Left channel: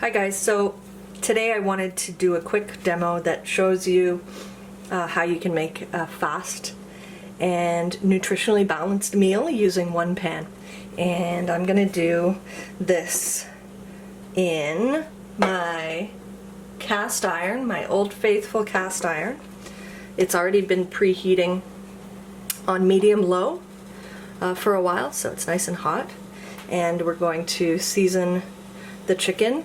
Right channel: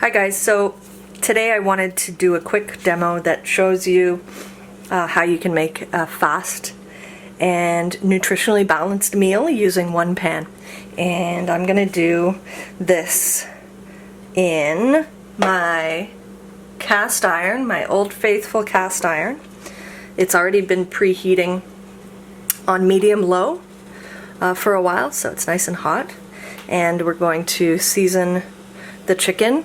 Hi guys, so today I wanted to do a quick demo that shows you how you can make a fast and nutritionally balanced meal using one pan. And I'm gonna do this in my cast iron, my Old Faithful cast iron. It's already been preheating on medium-low for a while, so it's nice and hot. And we're going to season the chicken.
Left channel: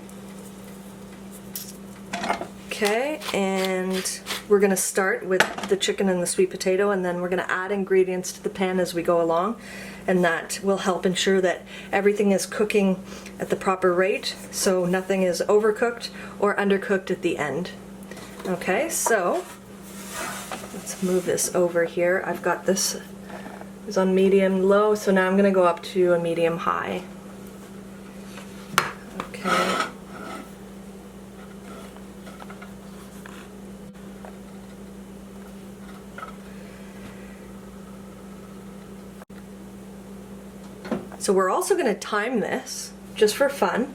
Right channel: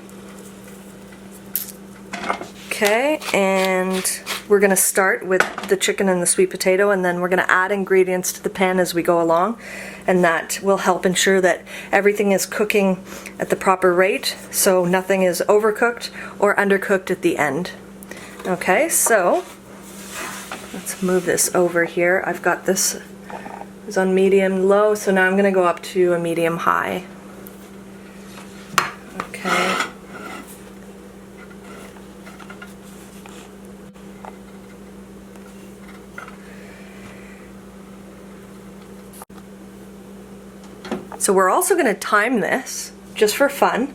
Okay, and we're going to start with the chicken and the sweet potato, and then we're going to add ingredients to the pan as we go along, and that will help ensure that everything is cooking at the proper rate, so nothing is overcooked or undercooked at the end. Okay, so let's move this over here. I've got this is on medium-low, so now I'm going to go up to a medium-high. Okay. So we're also going to time this, just for fun,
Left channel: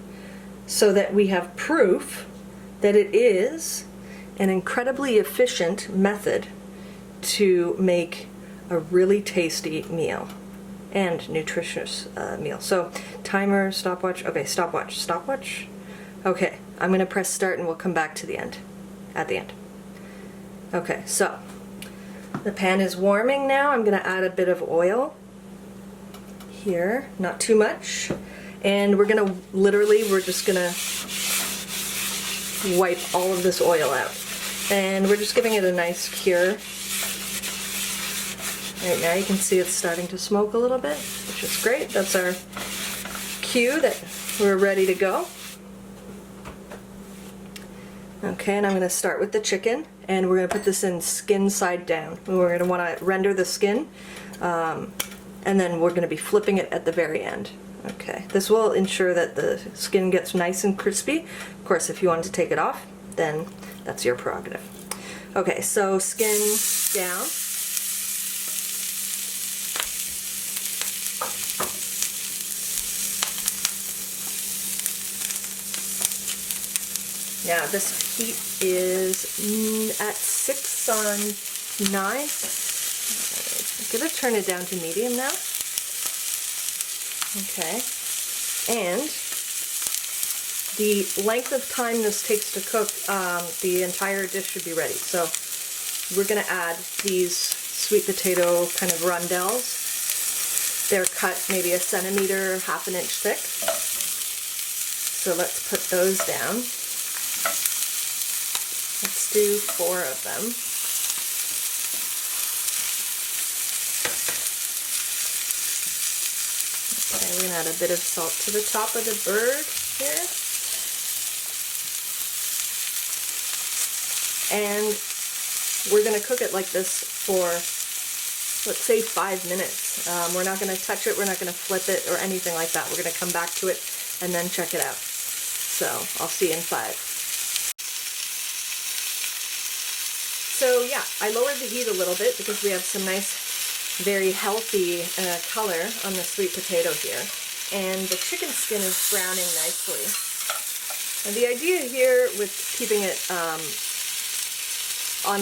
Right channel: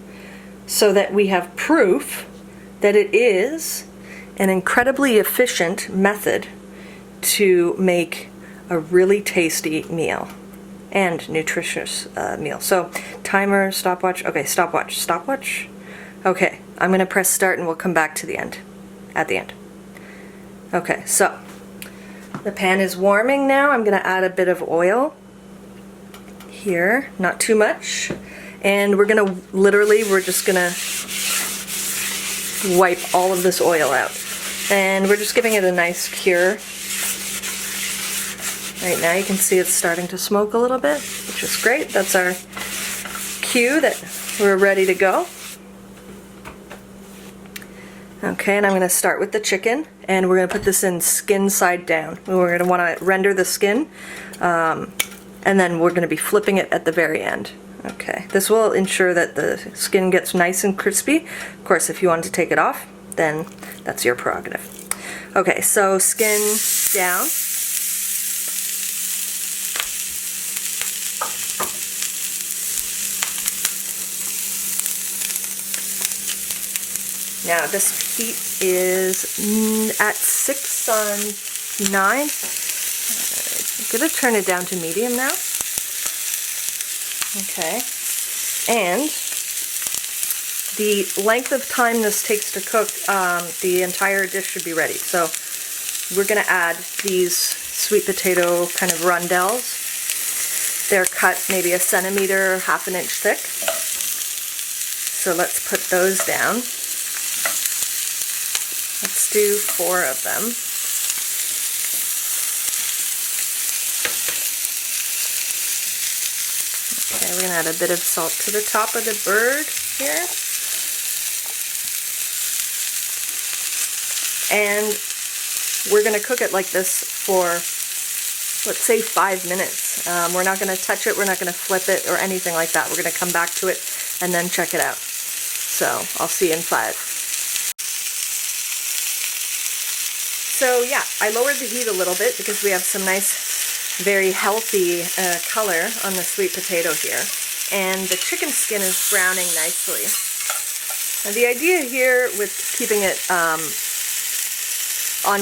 so that we have proof that it is an incredibly efficient method to make a really tasty meal and nutritious meal. So timer, stopwatch, okay, stopwatch. Okay, I'm going to press start and we'll come back to the end, at the end. Okay, so the pan is warming now. I'm going to add a bit of oil here, not too much, and we're just gonna wipe all of this oil out, and we're just giving it a nice cure. Right now you can see it's starting to smoke a little bit, which is great. That's our cue that we're ready to go. Okay, and I'm going to start with the chicken, and we're going to put this in skin side down. We're going to want to render the skin, and then we're going to be flipping it at the very end. Okay, this will ensure that the skin gets nice and crispy. Of course, if you want to take it off, then that's your prerogative. Okay, so skin down. Now this heat is at 6 on 9. I'm going to turn it down to medium now. Okay, and the length of time this takes to cook, the entire dish should be ready. So we're going to add these sweet potato kind of rondelles. They're cut maybe 1 centimeter, half an inch thick. So let's put those down. Let's do 4 of them. Okay, we're going to add a bit of salt to the top of the bird here. And we're going to cook it like this for, let's say, 5 minutes. We're not going to touch it, we're not going to flip it or anything like that. We're going to come back to it and then check it out. So I'll see you in 5. So yeah, I lowered the heat a little bit because we have some nice, very healthy color on the sweet potato here, and the chicken skin is browning nicely. And the idea here with keeping it on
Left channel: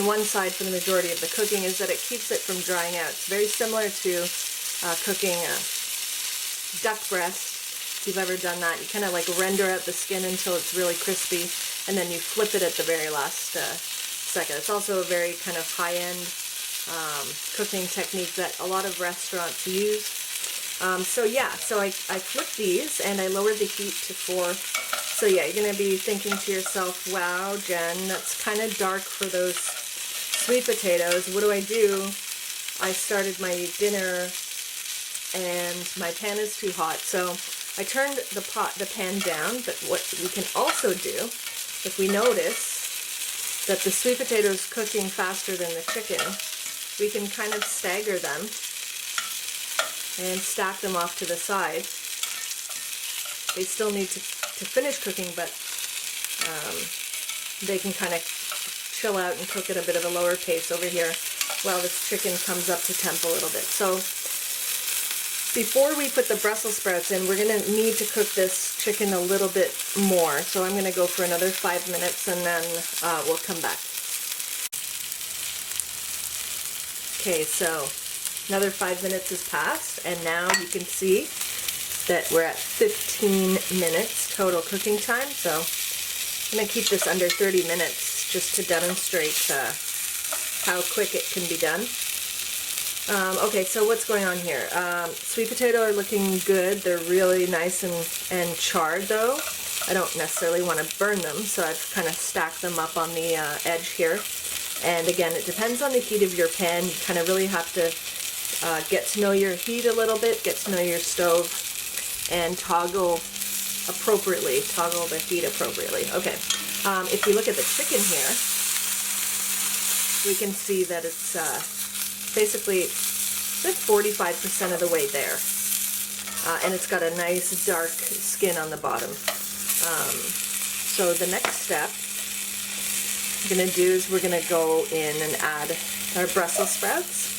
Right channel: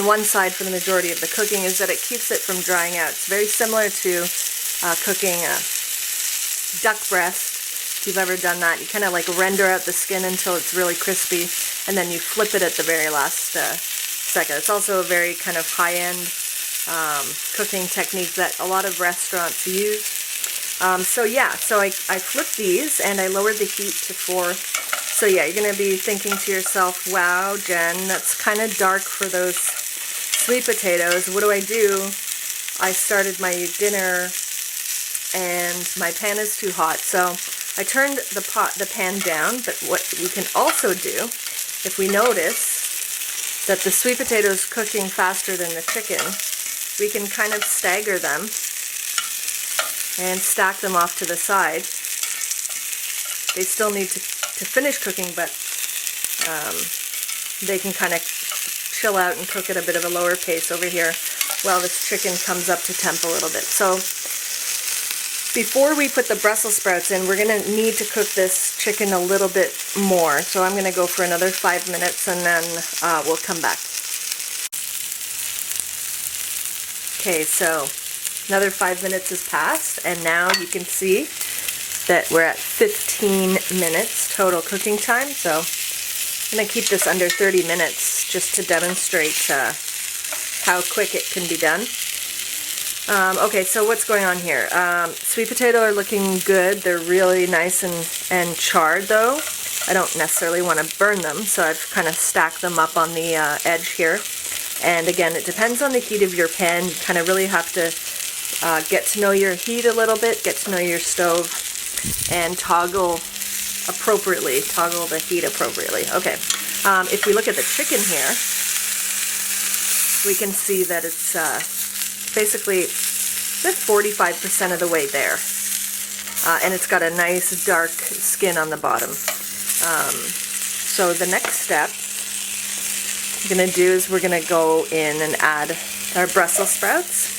one side for the majority of the cooking is that it keeps it from drying out. It's very similar to cooking duck breast. If you've ever done that, you kind of like render out the skin until it's really crispy, and then you flip it at the very last second. It's also a very kind of high-end cooking technique that a lot of restaurants use. So yeah, so I flipped these and I lowered the heat to 4. So yeah, you're going to be thinking to yourself, wow, Jen, that's kind of dark for those sweet potatoes. What do? I started my dinner and my pan is too hot. So I turned the pan down, but what we can also do, if we notice that the sweet potato is cooking faster than the chicken, we can kind of stagger them and stack them off to the side. They still need to finish cooking, but they can kind of chill out and cook at a bit of a lower pace over here while this chicken comes up to temp a little bit. So Before we put the Brussels sprouts in, we're going to need to cook this chicken a little bit more. So I'm going to go for another 5 minutes and then we'll come back. Okay, so another 5 minutes has passed, and now you can see that we're at 15 minutes total cooking time. So I'm going to keep this under 30 minutes just to demonstrate how quick it can be done. Okay, so what's going on here? Sweet potato are looking good. They're really nice and charred though. I don't necessarily want to burn them, so I've kind of stacked them up on the edge here. And again, it depends on the heat of your pan. You kind of really have to get to know your heat a little bit, get to know your stove, and toggle appropriately, toggle the heat appropriately. Okay, if you look at the chicken here, we can see that it's basically just 45% of the way there. And it's got a nice dark skin on the bottom. So the next step we're going to do is we're going to go in and add our Brussels sprouts.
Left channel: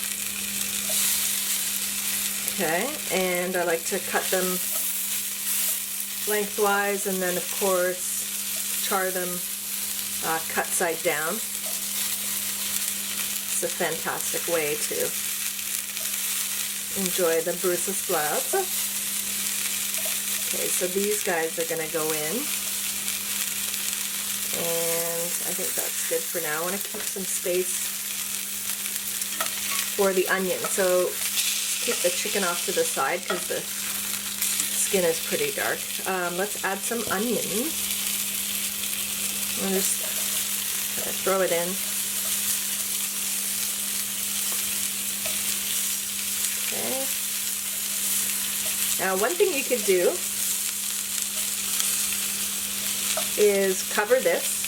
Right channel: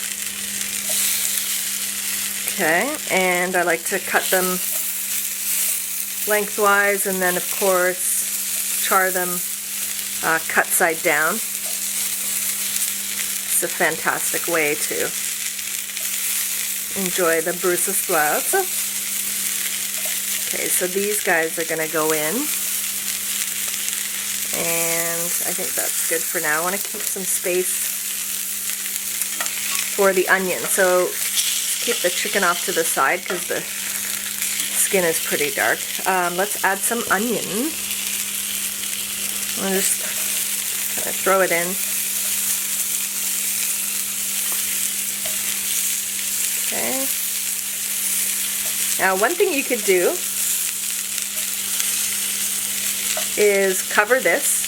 Okay, and I like to cut them lengthwise and then of course char them cut side down. It's a fantastic way to enjoy the Brussels sprouts. Okay, so these guys are going to go in, and I think that's good for now. I want to keep some space for the onion, so keep the chicken off to the side because the skin is pretty dark. Let's add some onion. I'll just kind of throw it in. Okay. Now, one thing you could do is cover this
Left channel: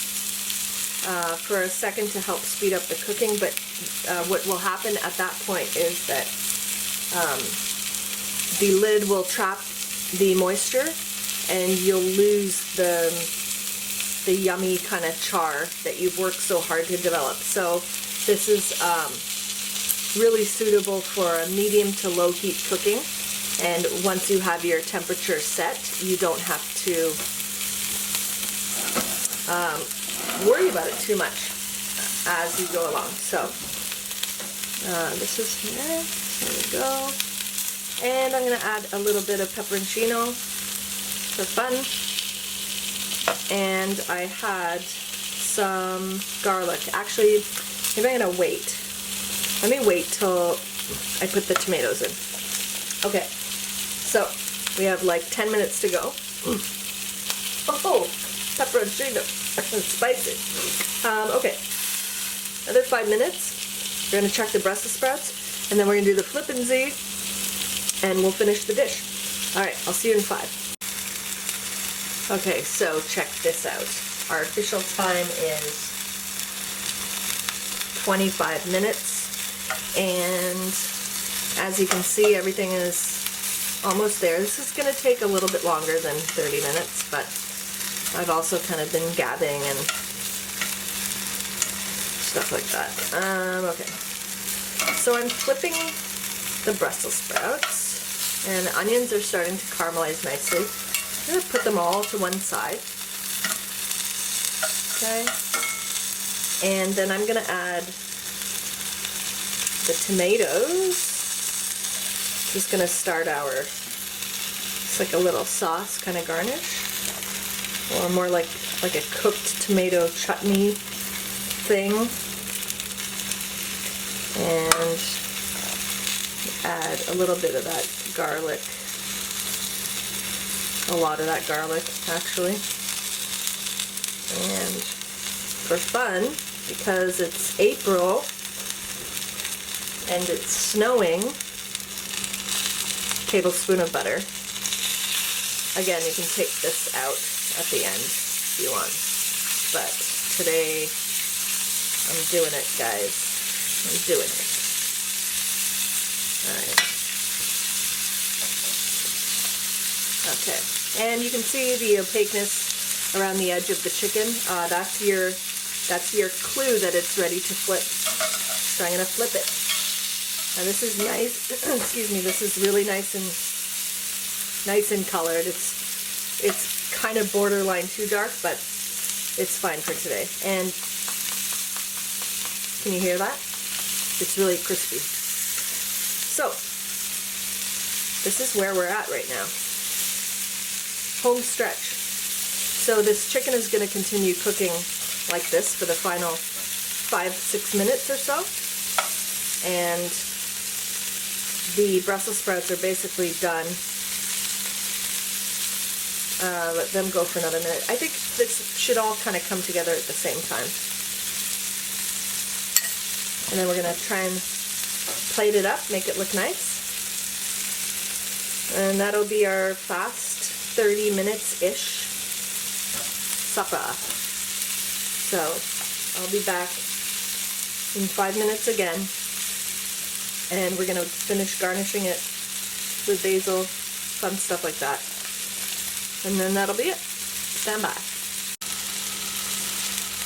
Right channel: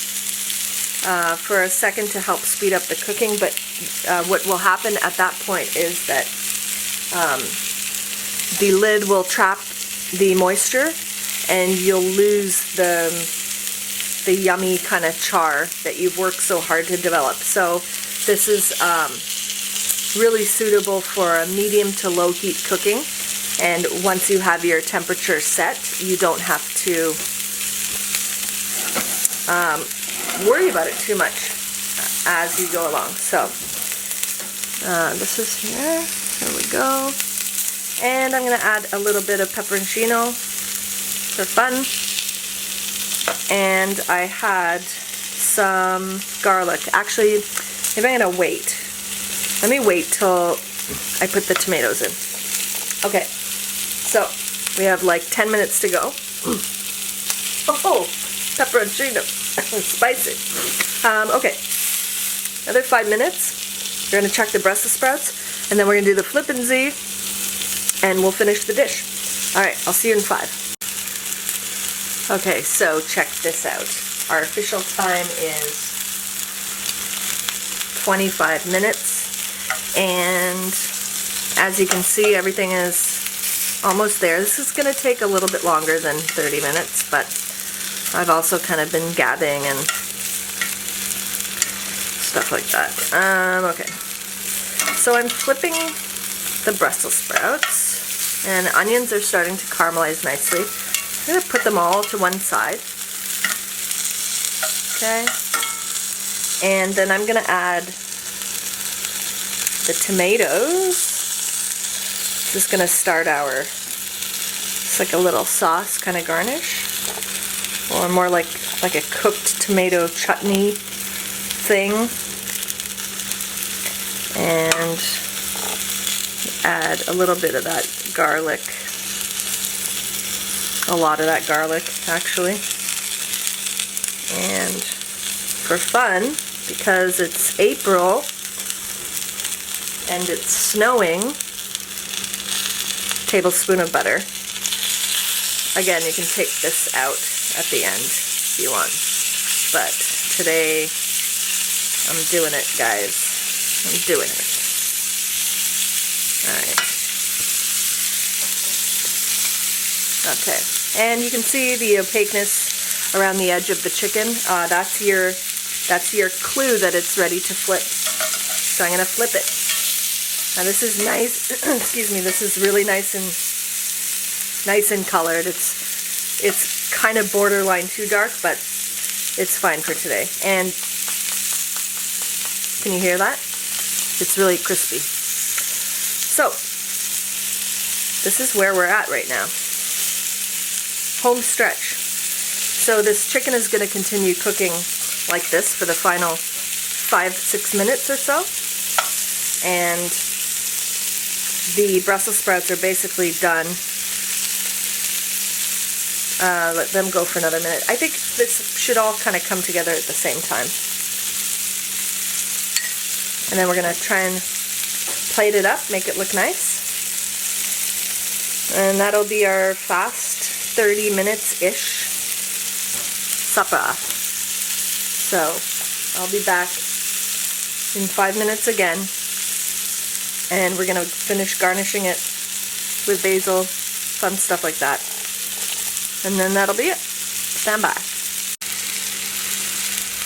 for a second to help speed up the cooking, but what will happen at that point is that the lid will trap the moisture and you'll lose the yummy kind of char that you've worked so hard to develop. So this is really suitable for a medium to low heat cooking, and once you have your temperature set, you don't have to worry about it too much as you go along. So this is here. There we go. And I'm going to add a little bit of pepperoncino for fun. And I had some garlic. Actually, maybe I'm going to wait. Let me wait till I put the tomatoes in. Okay, so we have like 10 minutes to go. Oh, pepperoncino. Spicy. Okay, another 5 minutes. We're going to check the Brussels sprouts, and then we're going to do the flippanzee, and we'll finish the dish. Alright, I'll see you in 5. Okay, so check this out. Our official time is 25 minutes, and as you can see, everything is almost there. This is going to take a little bit longer than 30 minutes, but I've also kind of been gabbing and stuff like that. Okay, so I'm flipping the Brussels sprouts, and onions are starting to caramelize nicely. I'm going to put them all to one side. Okay, and then I'm going to add the tomatoes. Just going to start it's like a little sauce kind of garnish, or more like a cooked tomato chutney thing. And add a little bit of that garlic, a lot of that garlic actually. And for fun, because it's April and it's snowing, tablespoon of butter. Again, you can take this out at the end if you want, but today I'm doing it, guys. I'm doing it. Alright. Okay, and you can see the opaqueness around the edge of the chicken. That's your clue that it's ready to flip. So I'm going to flip it. Now this is nice, excuse me, this is really nice and colored. It's kind of borderline too dark, but it's fine for today. And can you hear that? It's really crispy. So, this is where we're at right now. Home stretch. So this chicken is going to continue cooking like this for the final 5-6 minutes or so. And the Brussels sprouts are basically done. Let them go for another minute. I think this should all kind of come together at the same time. And then we're going to try and plate it up, make it look nice. And that'll be our fast 30 minutes-ish supper. So I'll be back in 5 minutes again. And we're going to finish garnishing it with basil, fun stuff like that. And then that'll be it. Stand by.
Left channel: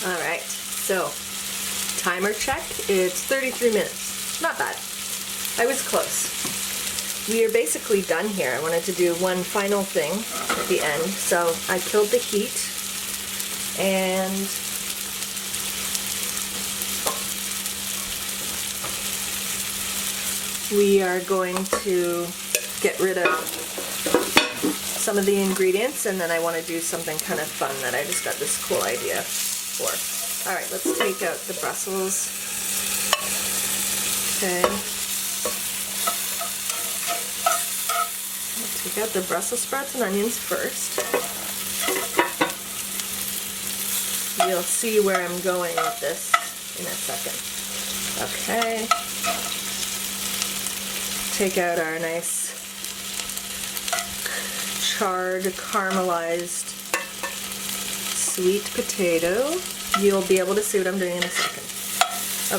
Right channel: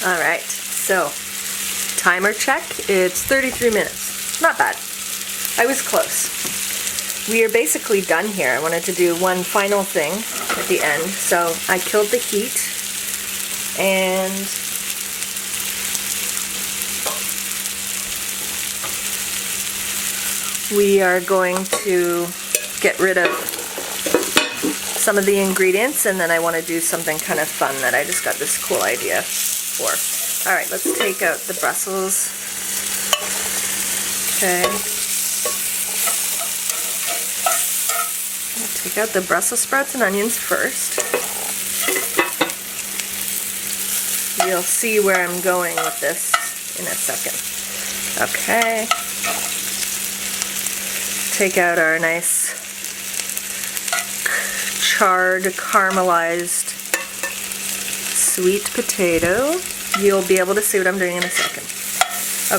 Alright, so timer check. It's 33 minutes. Not bad. I was close. We are basically done here. I wanted to do one final thing at the end. So I killed the heat and we are going to get rid of some of the ingredients, and then I want to do something kind of fun that I just got this cool idea for. Alright, let's take out the Brussels. Okay. I'll take out the Brussels sprouts and onions first. You'll see where I'm going with this in a second. Okay. Take out our nice charred, caramelized sweet potato. You'll be able to see what I'm doing in a second.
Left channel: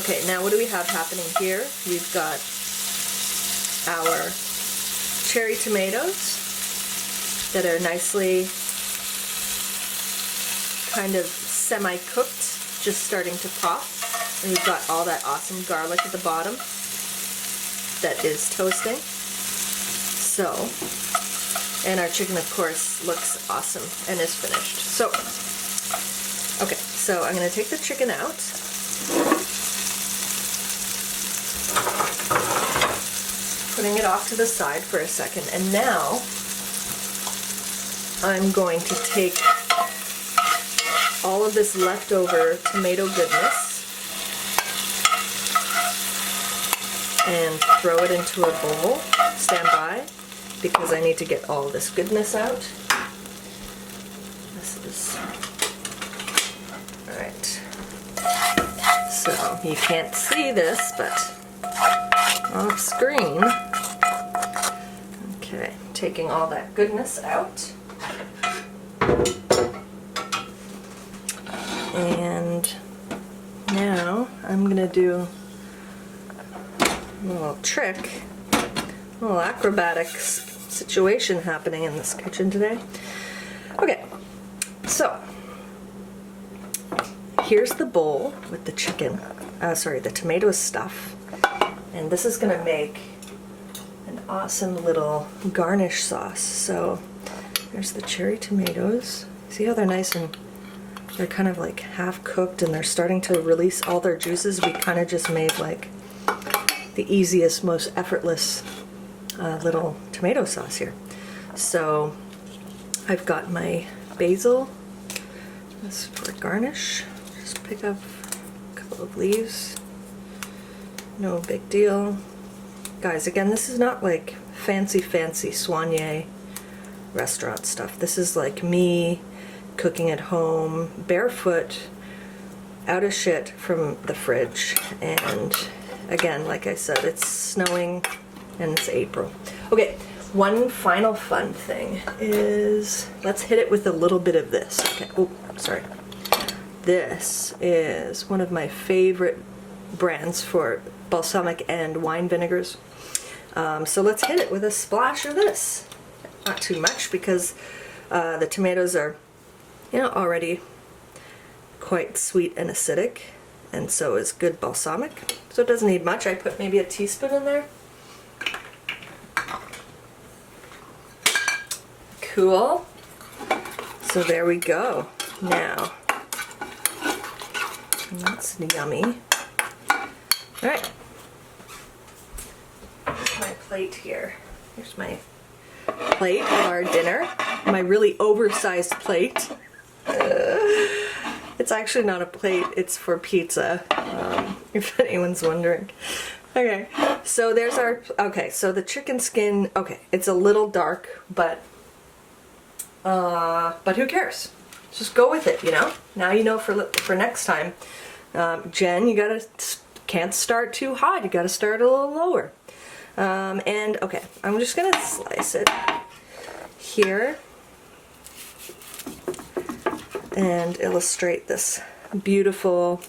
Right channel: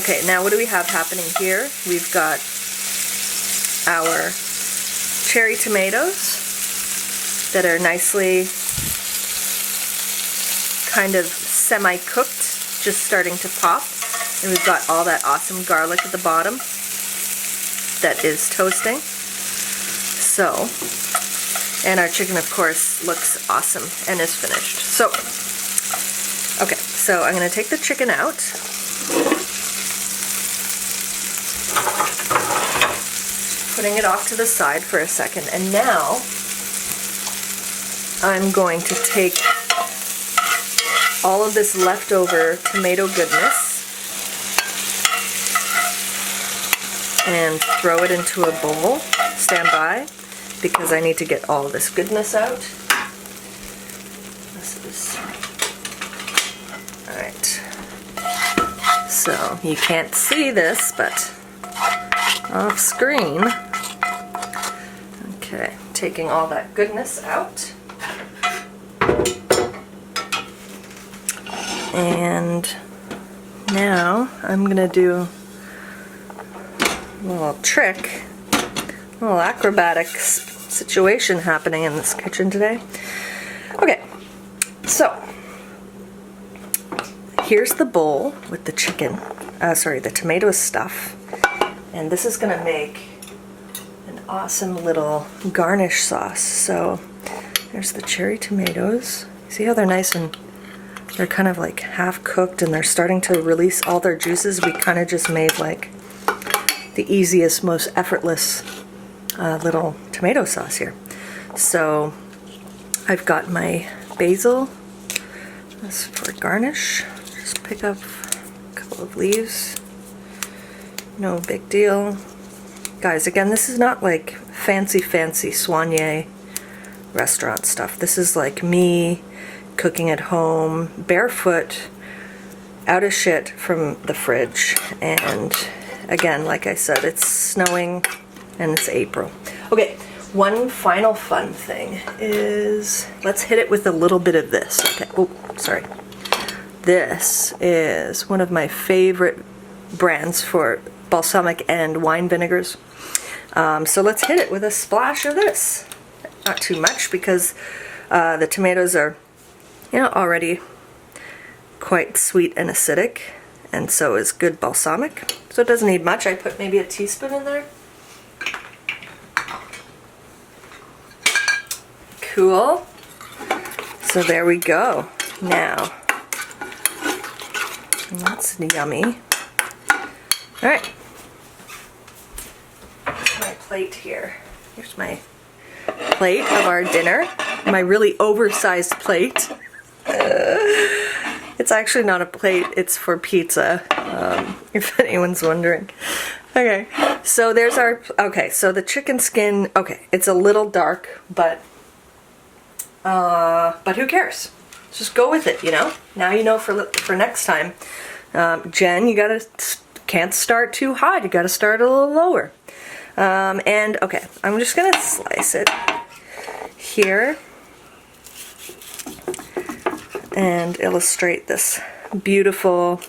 Okay, now what do we have happening here? We've got our cherry tomatoes that are nicely kind of semi-cooked, just starting to pop. And we've got all that awesome garlic at the bottom that is toasting. So, and our chicken, of course, looks awesome and is finished. So, okay, so I'm going to take the chicken out. Putting it off to the side for a second. And now, I'm going to take all of this leftover tomato goodness and throw it into a bowl. Stand by, because I need to get all this goodness out. This is, alright. So, you can't see this, but off screen. Okay, taking all that goodness out. And now I'm going to do a little trick, a little acrobatic situation happening in this kitchen today. Okay, so here's the bowl with the chicken, the tomato stuff, and this is going to make an awesome little garnish sauce. So there's the cherry tomatoes. See how they're nice and they're kind of like half cooked and they're starting to release all their juices. We kind of just made like the easiest, most effortless little tomato sauce here. So I've got my basil. This for garnish. Just pick up a couple of leaves. No big deal. Guys, again, this is not like fancy soigné restaurant stuff. This is like me cooking at home, barefoot, out of shit from the fridge. And again, like I said, it's snowing and it's April. Okay, one final fun thing is, let's hit it with a little bit of this. Okay, oh, sorry. This is one of my favorite brands for balsamic and wine vinegars. So let's hit it with a splash of this. Not too much, because the tomatoes are, already quite sweet and acidic. and so is good balsamic. So it doesn't need much. I put maybe a teaspoon in there. Cool. So there we go. Now, that's yummy. All right. Here's my plate here. Here's my plate of our dinner. My really oversized plate. It's actually not a plate, it's for pizza, if anyone's wondering. Okay, so there's our, okay, so the chicken skin, okay, it's a little dark, but who cares? Just go with it, you know? Now you know for next time. Jen, you can't start too hot, you gotta start a little lower. And, okay, I'm just gonna slice it here and illustrate this beautiful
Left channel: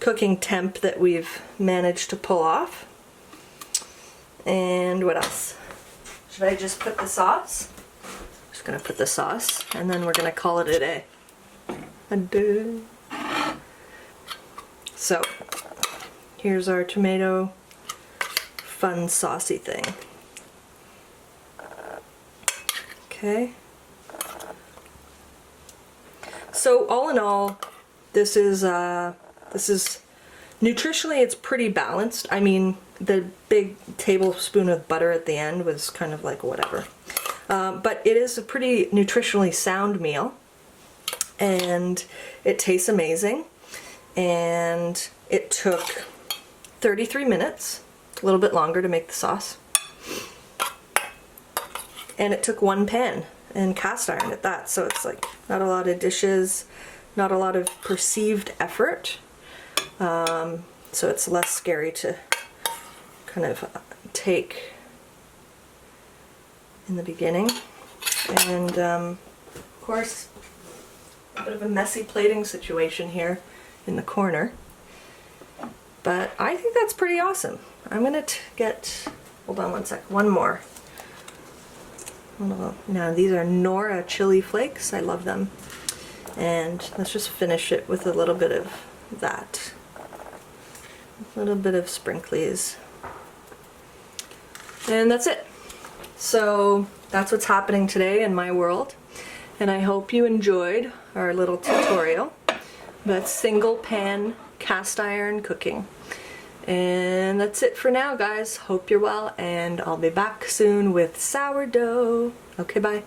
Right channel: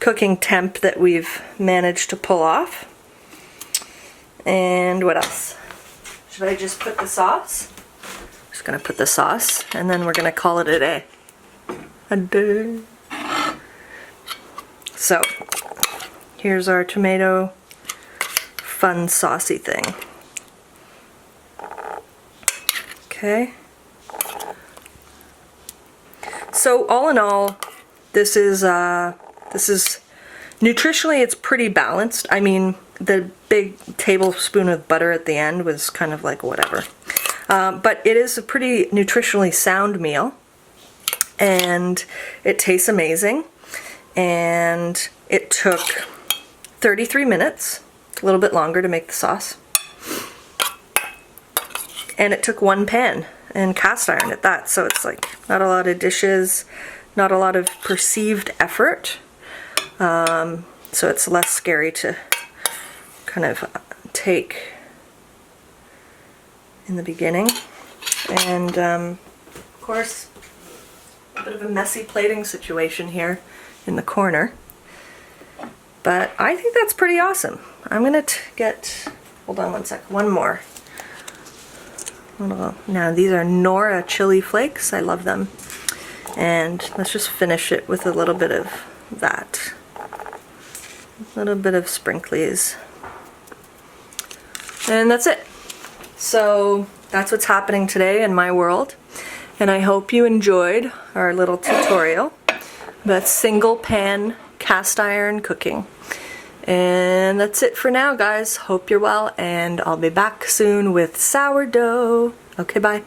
cooking temp that we've managed to pull off. And what else? Should I just put the sauce? Just gonna put the sauce and then we're gonna call it a day. A day. So here's our tomato fun saucy thing. Okay. So all in all, this is nutritionally it's pretty balanced. I mean, the big tablespoon of butter at the end was kind of like whatever. But it is a pretty nutritionally sound meal, and it tastes amazing. And it took 33 minutes, a little bit longer to make the sauce. And it took one pan and cast iron at that, so it's like not a lot of dishes, not a lot of perceived effort, so it's less scary to kind of take in the beginning. And of course, a bit of a messy plating situation here in the corner, but I think that's pretty awesome. I'm gonna get, hold on one sec, one more. Now these are Nora chili flakes. I love them. And let's just finish it with a little bit of that. A little bit of sprinklies. And that's it. So that's what's happening today in my world. And I hope you enjoyed our little tutorial. That's single pan cast iron cooking. And that's it for now, guys. Hope you're well, and I'll be back soon with sourdough. Okay, bye.